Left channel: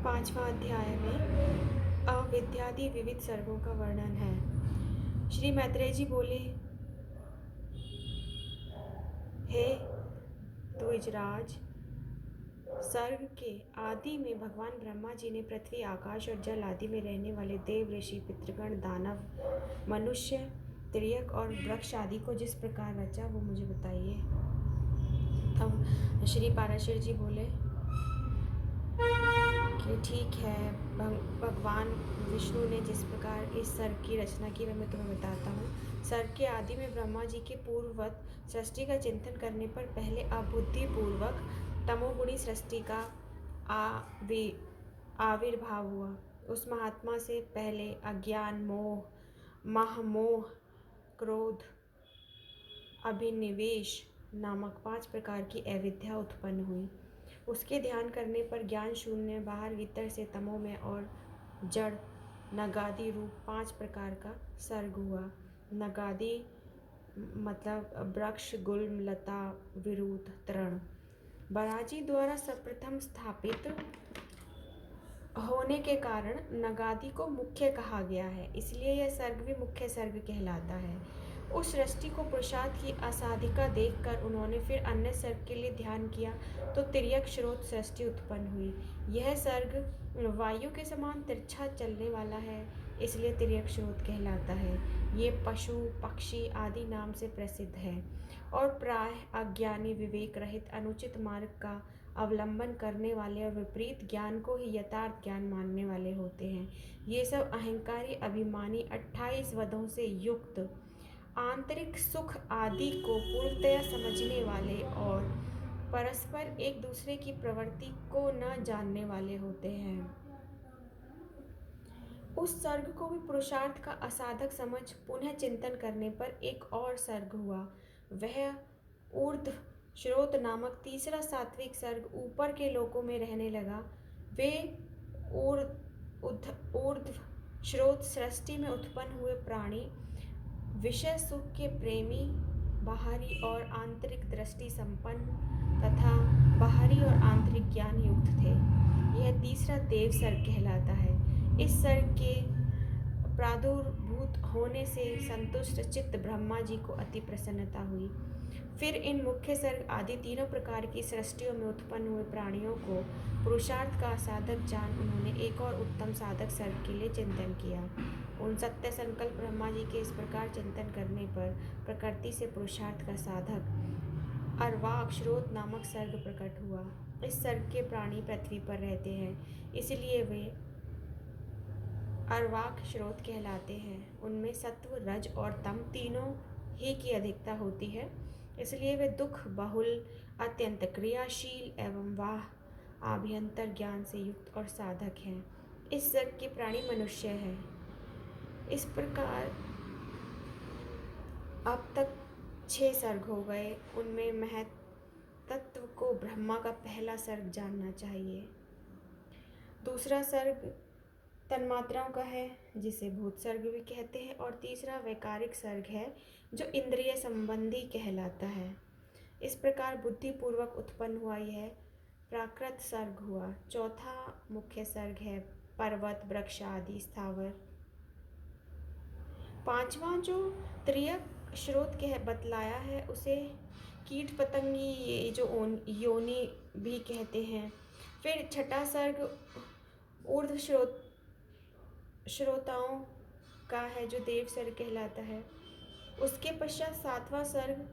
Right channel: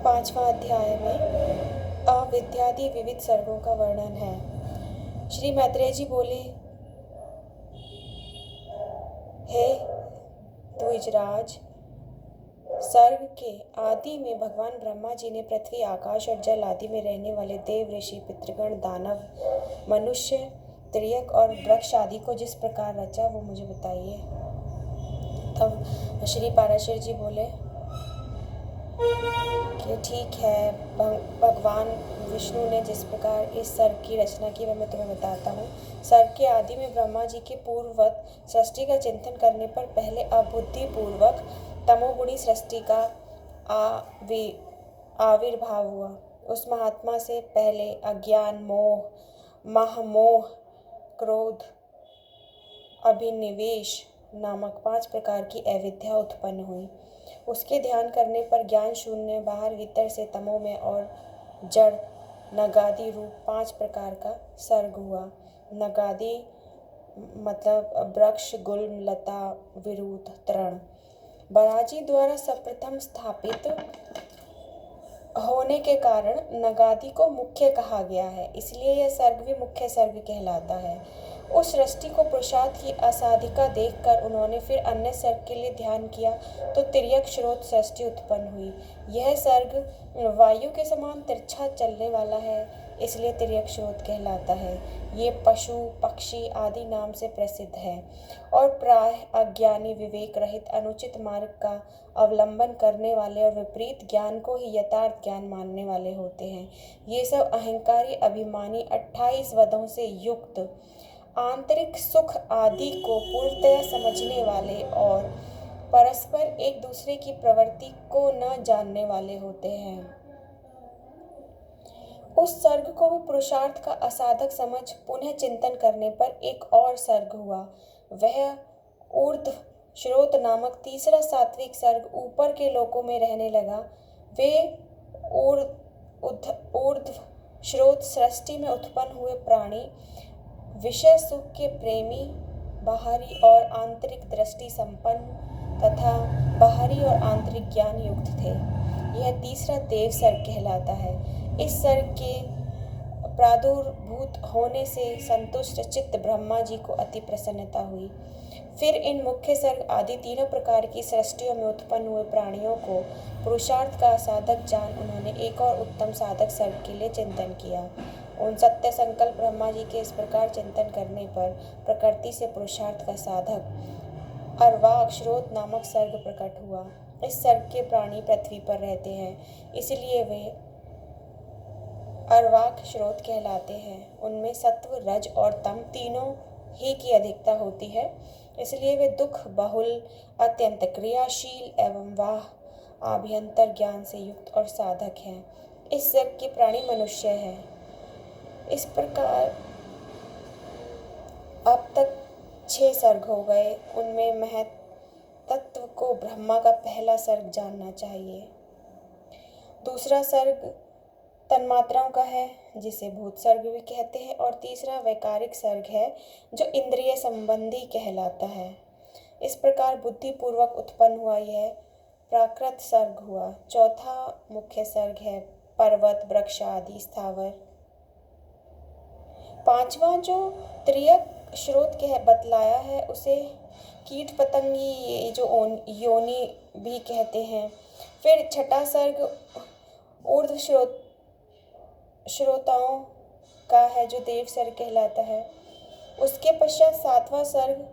5वां अध्याय में अविद्यादि विविध सर्गों का वर्णन है। श्री मैत्रेय जी बोले, हे द्विजराज, सर्ग के आदि में भगवान ब्रह्मा जी ने पृथ्वी, आकाश और जल आदि में रहने वाले देव, ऋषि, पितृगण, दानव, मनुष्य, त्रियक और वृक्ष आदि को जिस प्रकार रचा वो मुझे बताइए। तब श्री पाराशर जी बोले कि ठीक है, भगवान विष्णु ने जिस प्रकार इस सर्ग की रचना की वह मैं तुम्हें बताता हूँ। सर्ग के आदि में ब्रह्मा जी के पूर्ववत सृष्टि का चिंतन करने पर पहले अबुद्धिपूर्वक तमोगुणी सृष्टि का आविर्भाव हुआ। उस महात्मा से पहले अज्ञान, मोह, महमोह, क्रोध, अभिनिवेश नामक 5 प्रकार की अविद्या उत्पन्न हुई। उसके ध्यान करने पर ज्ञान शून्य, बाहर भीतर से तमोमय और जड़ नगादि रूप 5 प्रकार का सर्ग हुआ। नगादि मतलब वृक्ष, गुल्म, लता, विरुद्ध, तृण। बराजी द्वारा सर्वप्रथम स्थापित होने के कारण नगादि को मुख्य कहा गया है, इसलिए यह सर्ग भी मुख्य सर्ग कहलाता है। उस सृष्टि को पुरुषार्थ की असाधिका देखकर उन्होंने फिर अन्य सर्ग के लिए ध्यान किया तो तिर्यक स्रोत सृष्टि उत्पन्न हुई। यह सर्ग वायु के समान तिरछा चलने वाला है, इसलिए तिर्यक स्रोत कहलाता है। ये पशु, पक्षी आदि नाम से प्रसिद्ध है और प्रायः अज्ञानी, विवेक रहित, अनुचित मार्ग का अवलंबन करने वाले और विपरीत ज्ञान को ही यथार्थ ज्ञान मानने वाले होते हैं। ये सब अहंकारी, अभिमानी, 28 वधों से युक्त, आंतरिक सुख आदि को पूर्णतया समझने वाले और परस्पर एक दूसरे की प्रवृत्ति को न जानने वाले होते हैं। उस सर्ग को भी पुरुषार्थ का असाधक समझ पुनः चिंतन करने पर एक और सर्ग हुआ। वह ऊर्ध्व श्रोत नामक तीसरा सात्विक सर्ग ऊपर के लोकों में रहने लगा। वे ऊर्ध्व श्रोत सृष्टि में उत्पन्न हुए प्राणी विषय सुख के प्रेमी, बाहरी और आंतरिक दृष्टि संपन्न तथा बाहरी और आंतरिक ज्ञान युक्त थे। यह तीसरा देव सर्ग कहलाता है। इस सर्ग के प्रादुर्भूत होने से संतुष्ट चित्त ब्रह्मा जी को अति प्रसन्नता हुई। फिर इन मुख्य सर्ग आदि तीनों प्रकार की सृष्टियों में उत्पन्न हुए प्राणियों को पुरुषार्थ का साधक जान उन्होंने एक और उत्तम साधक सर्ग के लिए चिंतन किया। उन सत्य संकल्प ब्रह्मा जी के इस प्रकार चिंतन करने पर प्रकृति से पुरुषार्थ का साधक अर्वाक श्रोत नामक सर्ग प्रकट हुआ। इस सर्ग के प्राणी पृथ्वी पर रहते हैं, इसलिए वे अर्वाक श्रोत कहलाते हैं। उनमें सत्व, रज और तम तीनों ही की अधिकता होती है, इसलिए वे दुख बहुल, अत्यंत क्रियाशील एवं वाह आभ्यंतर ज्ञान से युक्त और साधक हैं। इस सर्ग के प्राणी मनुष्य हैं। इस प्रकार अब तक 6 सर्ग हो गए। उनमें महत्त्व को ब्रह्मा का पहला सर्ग जानना चाहिए। दूसरा सर्ग तन्मात्राओं का है, जिसे भूत सर्ग भी कहते हैं, और तीसरा वैकारिक सर्ग है जो इंद्रिय संबंधी कहलाता है। इस प्रकार बुद्धिपूर्वक उत्पन्न हुआ यह प्राकृत सर्ग हुआ। चौथा मुख्य सर्ग है पर्वत, वृक्ष आदि स्थावर। पांचवा जो त्रियक स्रोत के बतलाया है उसे कीट पतंगी जो योनि भी कहते हैं। फिर छठा सर्ग ऊर्ध्व श्रोताओं का है जो देव सर्ग कहलाता है। उसके पश्चात 7वां सर्ग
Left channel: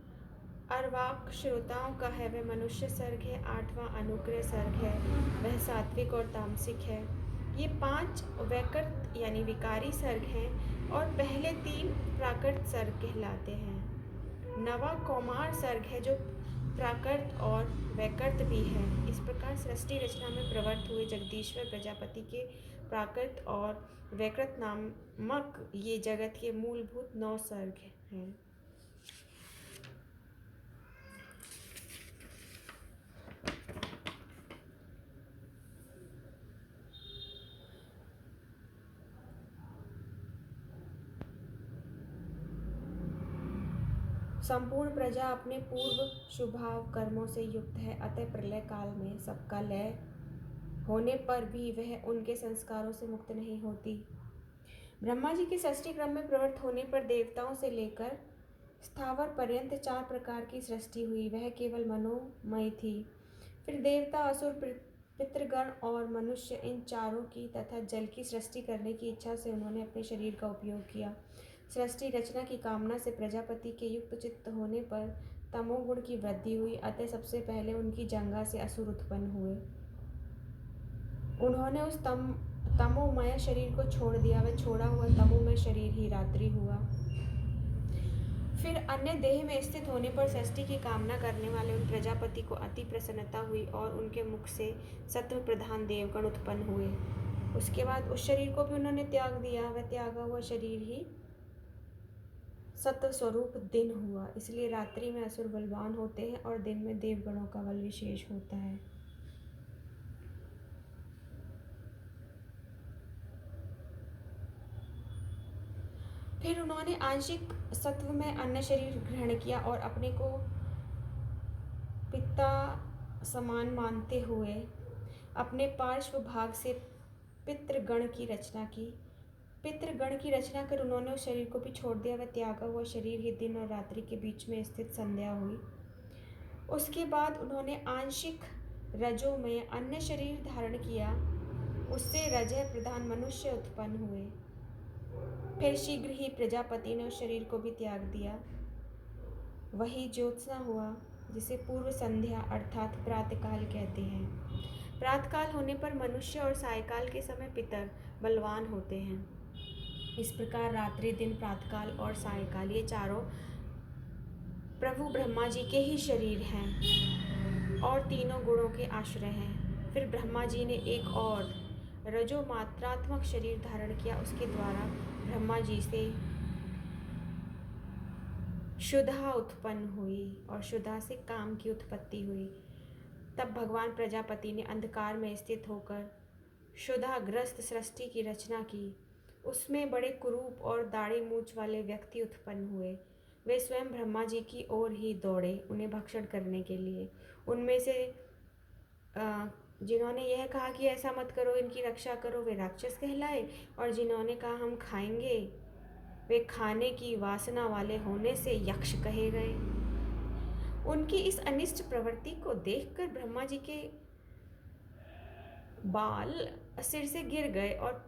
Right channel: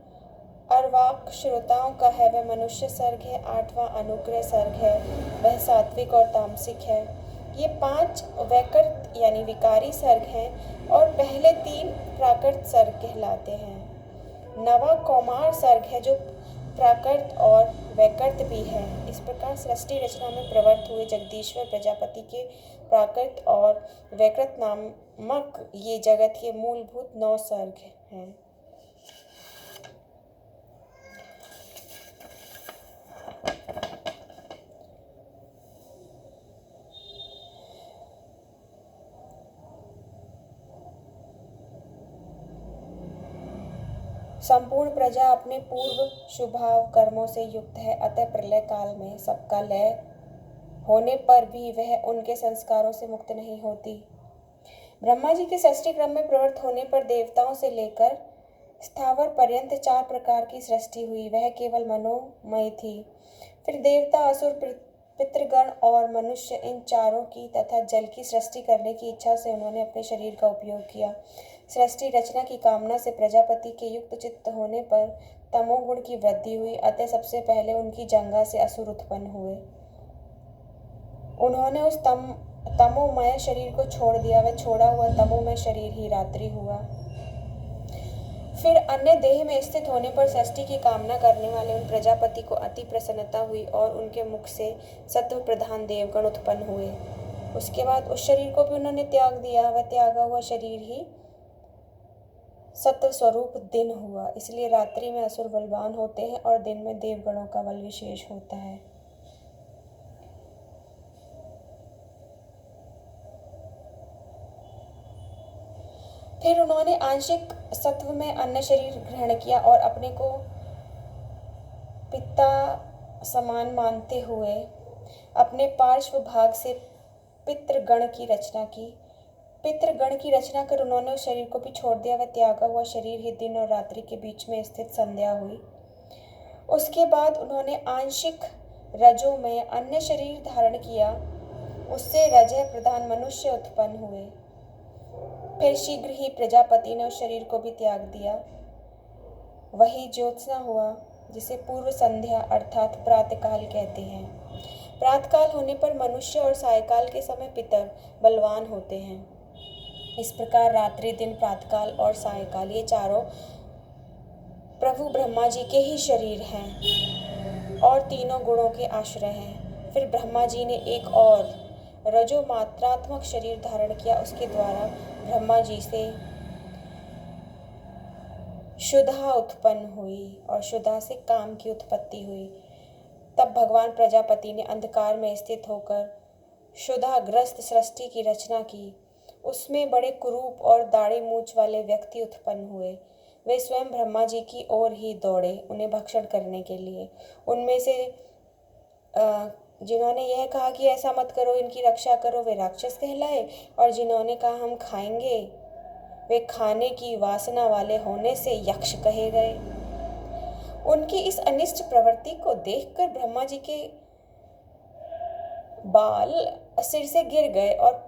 अर्वाक श्रोताओं का है, वह मनुष्य सर्ग है। 8वां अनुग्रह सर्ग है, वह सात्विक और तामसिक है। ये 5 वैकृत यानी विकारी सर्ग हैं और पहले 3 प्राकृत सर्ग कहलाते हैं। 9वां कौमार सर्ग है जो प्राकृत और वैकृत भी है। इस प्रकार सृष्टि रचना में प्रवृत्त हुए जगदीश्वर प्रजापति के प्राकृत और वैकृत नामक ये जगत के मूलभूत 9 सर्ग हैं। संपूर्ण प्रजा अपने पूर्व शुभाव कर्मों से युक्त है, अतः प्रलय काल में सबका लय होने पर भी वह उनके संस्कारों से मुक्त नहीं होती। ब्रह्मा जी के षष्ठी क्रम में प्रवृत्त होने पर देवताओं से लेकर स्थावर पर्यंत 4 प्रकार की सृष्टि हुई। वह केवल मनोमय थी। फिर देवता, असुर, पितृगण और मनुष्य, इन चारों की तथा जल की सृष्टि करने की इच्छा से उन्होंने अपने शरीर का उपयोग किया। सृष्टि रचना की कामना से प्रजापति के युक्त चित्त होने पर तमोगुण की वृद्धि हुई। अतः सबसे पहले उनकी जंघा से असुर उत्पन्न हुए। उन्होंने उस तमोमय शरीर को छोड़ दिया। वह छोड़ा हुआ तमोमय शरीर ही रात्रि हुआ। फिर अन्य देह में स्थित होने पर सृष्टि की कामना करने वाले उन प्रजापति को अति प्रसन्नता हुई और उनके मुख से सत्व प्रधान देवगण उत्पन्न हुए। उसके बाद उस शरीर को भी उन्होंने त्याग दिया। वह त्यागा हुआ शरीर ही सत्व स्वरूप दिन हुआ। इसलिए रात्रि में असुर बलवान होते हैं और दिन में देवगणों का बल विशेष होता है। फिर उन्होंने आंशिक सत्व में अन्य शरीर ग्रहण किया और अपने को पिता समान मानते हुए अपने पार्श्व भाग से पितृगण की रचना की। पितृगण की रचना कर उन्होंने उस शरीर को भी छोड़ दिया। वह त्यागा हुआ शरीर ही दिन और रात्रि के बीच में स्थित संध्या हुई। उसके बाद उन्होंने आंशिक रजो में अन्य शरीर धारण किया। उससे रजः प्रधान मनुष्य उत्पन्न हुए। फिर शीघ्र ही प्रजापति ने उस शरीर को भी त्याग दिया। वही ज्योत्सना हुआ, जिसे पूर्व संध्या अर्थात प्रातःकाल कहते हैं। प्रातःकाल होने पर मनुष्य और सायकाल के समय पितर बलवान होते हैं। इस प्रकार रात्रि, दिन, प्रातःकाल और सायकाल ये चारों प्रभु ब्रह्मा जी के ही शरीर हैं और तीनों गुणों के आश्रय हैं। फिर ब्रह्मा जी ने एक और रजो मात्रात्मक शरीर धारण किया। उसके द्वारा ब्रह्मा जी से शुद्धा उत्पन्न हुई और शुद्धा से काम की उत्पत्ति हुई। तब भगवान प्रजापति ने अंधकार में स्थित होकर शुद्धाग्रस्त सृष्टि की रचना की। उसमें बड़े कुरूप और दाढ़ी मूंछ वाले व्यक्ति उत्पन्न हुए। वे स्वयं ब्रह्मा जी की ओर ही दौड़े उन्हें भक्षण करने के लिए। उनमें से जिन्होंने यह कहा कि ऐसा मत करो, इनकी रक्षा करो, वे राक्षस कहलाए, और जिन्होंने कहा हम खाएंगे, वे खाने की वासना वाले होने से यक्ष कहे गए। उनकी इस अनिष्ट प्रवृत्ति को देखकर ब्रह्मा जी के बाल सिर से गिर गए और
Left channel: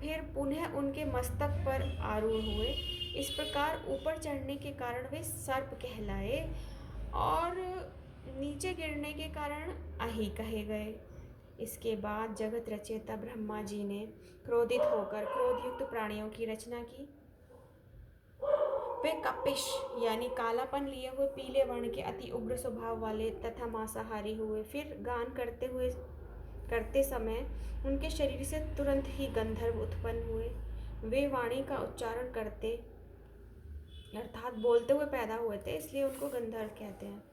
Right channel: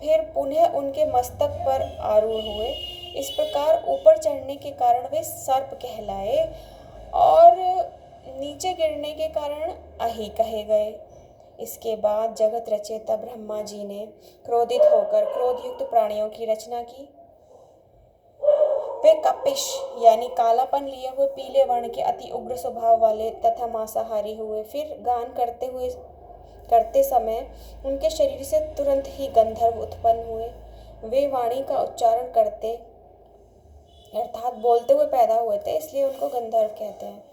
फिर पुनः उनके मस्तक पर आरूढ़ हुए। इस प्रकार ऊपर चढ़ने के कारण वे सर्प कहलाए और नीचे गिरने के कारण अहि कहे गए। इसके बाद जगत रचयिता ब्रह्मा जी ने क्रोधित होकर क्रोधयुक्त प्राणियों की रचना की। वे कपिश यानी कालापन लिए हुए पीले वर्ण के अति उग्र स्वभाव वाले तथा मांसाहारी हुए। फिर गान करते समय उनके शरीर से तुरंत ही गंधर्व उत्पन्न हुए। वे वाणी का उच्चारण करते अर्थात बोलते हुए पैदा हुए थे, इसलिए उनको गंधर्व कहते हैं।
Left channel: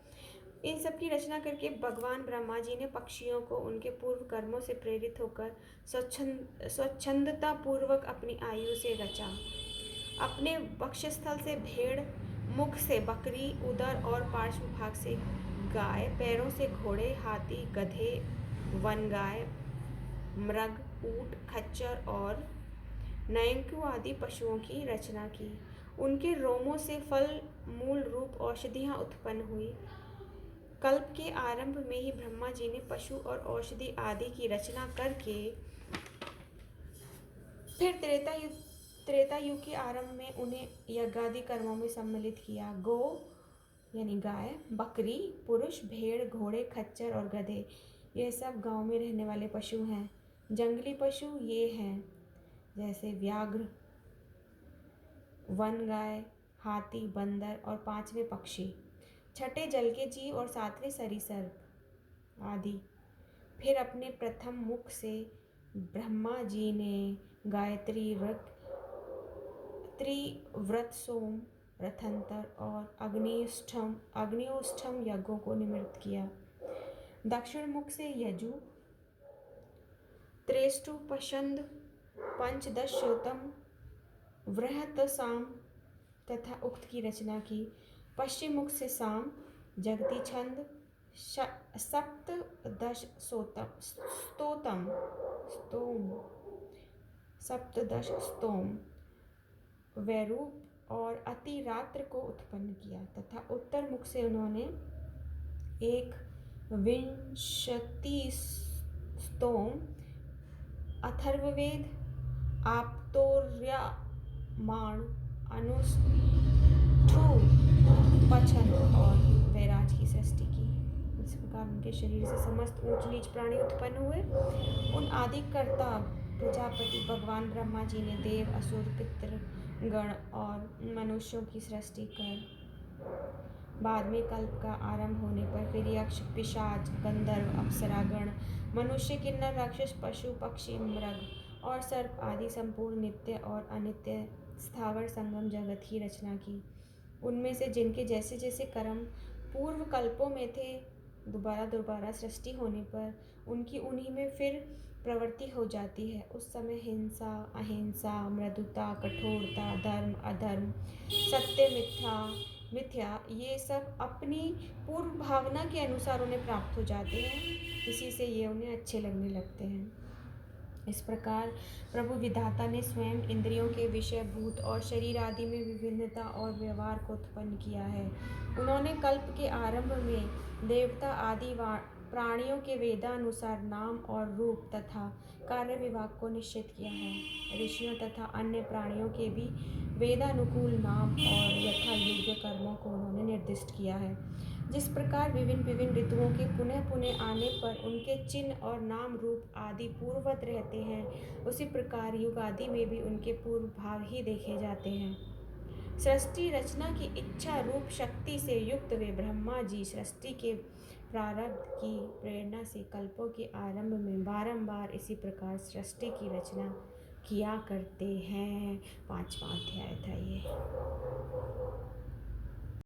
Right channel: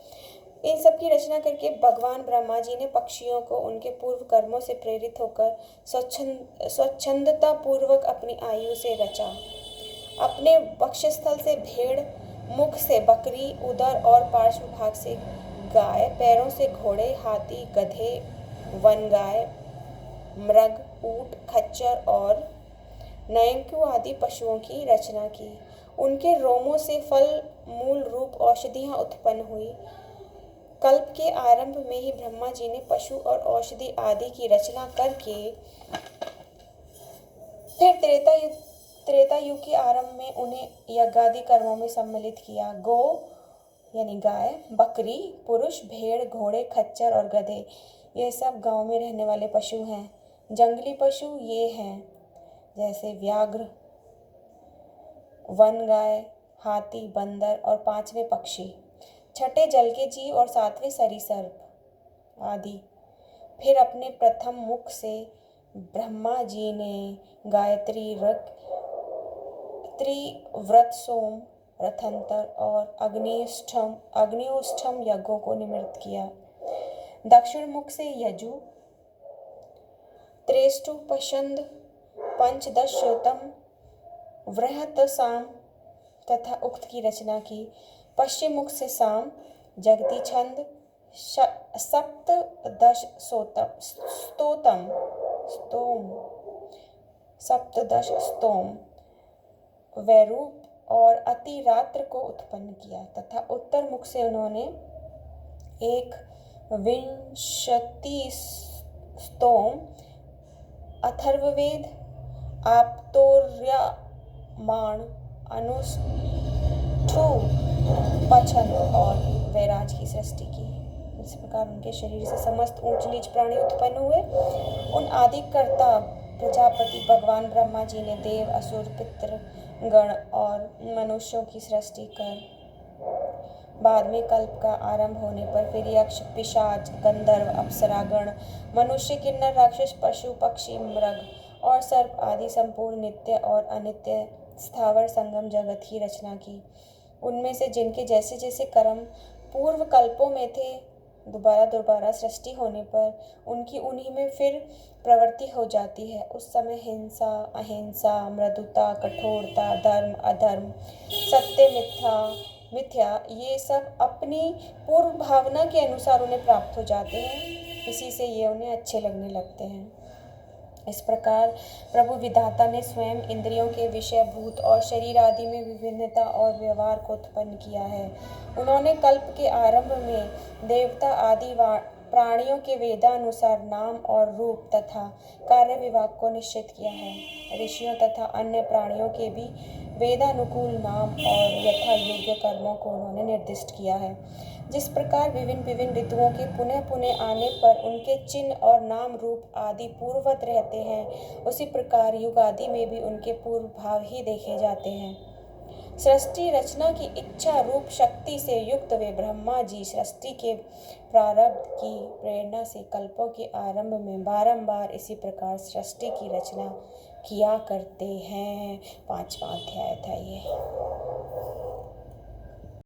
इन सब की रचना करके भगवान ब्रह्मा जी ने पक्षियों को उनके पूर्व कर्मों से प्रेरित होकर स्वच्छंदता पूर्वक अपनी आयु से रचा। अपने वक्षस्थल से भेड़, मुख से बकरी, उदर और पार्श्व भाग से गाय, पैरों से घोड़े, हाथी, गधे, वन गाय, मृग, ऊंट, खच्चर और नयंकु आदि पशुओं की रचना की। उनके रोमों से फल, मूल, रूप, औषधियां उत्पन्न हुई। कल्प के आरंभ में ही ब्रह्मा जी ने पशु और औषधि आदि की रचना करके फिर त्रेता युग के आरंभ में उन्हें यज्ञादि कर्मों में सम्मिलित किया। गौ यानी गाय, बकरी, पुरुष, भेड़, घोड़े, खच्चर और गधे ये सब गांव में रहने वाले पशु हैं। जंगली पशु ये हैं जैसे व्याघ्र, वन गाय, हाथी, बंदर और 5वें पक्षी, छठे जल के जीव और 7वें सरीसृप आदि। फिर अपने प्रथम मुख से ब्रह्मा जी ने गायत्री, त्रिव्रत, सोम, रथंतर और अग्निष्ठम यज्ञों को निमित्त किया। दक्षिण मुख से यजु, त्रेष्टु, पशंद, पंचदशोतम, वृहत, साम तथा उक्त की रचना की। पश्चिम मुख से साम, जगती छंद, सप्तदश स्तोम वैरूप और अतिरात्र को उत्पन्न किया तथा उत्तर मुख से उन्होंने एक विंशति स्तोम, अथर्ववेद, आप्तोर्यमाण, अनुष्ठु, पछन और वैराज की सृष्टि की। इस प्रकार उनके शरीर से समस्त ऊंच नीच प्राणी उत्पन्न हुए। उन आदि कर्ता प्रजापति भगवान ब्रह्मा जी ने देव, असुर, पितृ गण और मनुष्यों की सृष्टि कर बाद में कल्प का आरंभ होने पर फिर यक्ष, पिशाच, गंधर्व, अप्सरागण, मनुष्य, किन्नर, राक्षस, पशु, पक्षी, मृग और सर्प आदि संपूर्ण नित्य और अनित्य स्थावर संगम जगत की रचना की। उनमें से जिनके जैसे जैसे कर्म पूर्व कल्पों में थे, दोबारा सृष्टि होने पर उनकी उन्हीं में फिर प्रवृत्ति हो जाती है। उस समय हिंसा, अहिंसा, मृदुता, कठोरता, धर्म, अधर्म, सत्य, मिथ्या ये सब अपनी पूर्व भावना के अनुसार उन्हें प्राप्त हो जाते हैं। इसी से ये उन्हें अच्छे लगने लगते हैं। इस प्रकार प्रभु विधाता ने स्वयं इंद्रियों के विषयभूत और शरीर आदि में विभिन्नता और व्यवहार को उत्पन्न किया है। उन्होंने कल्प के आरंभ में देवता आदि प्राणियों के वेदानुसार नाम और रूप तथा कार्य विभाग को निश्चित किया है। ऋषियों तथा अन्य प्राणियों के भी वेदानुकूल नाम और यथा योग्य कर्मों को उन्होंने निर्दिष्ट किया है। जिस प्रकार विभिन्न ऋतुओं के पुनः पुनः आने पर उनके चिन्ह और नाम रूप आदि पूर्ववत रहते हैं, उसी प्रकार युग आदि में भी उनके पूर्व भाव ही देखे जाते हैं। सृष्टि रचना की इच्छा रूप शक्ति से युक्त वे ब्रह्मा जी सृष्टि के प्रारब्ध की प्रेरणा से कल्पों के आरंभ में बारंबार इसी प्रकार सृष्टि की रचना किया करते हैं। 5वां अध्याय था ये।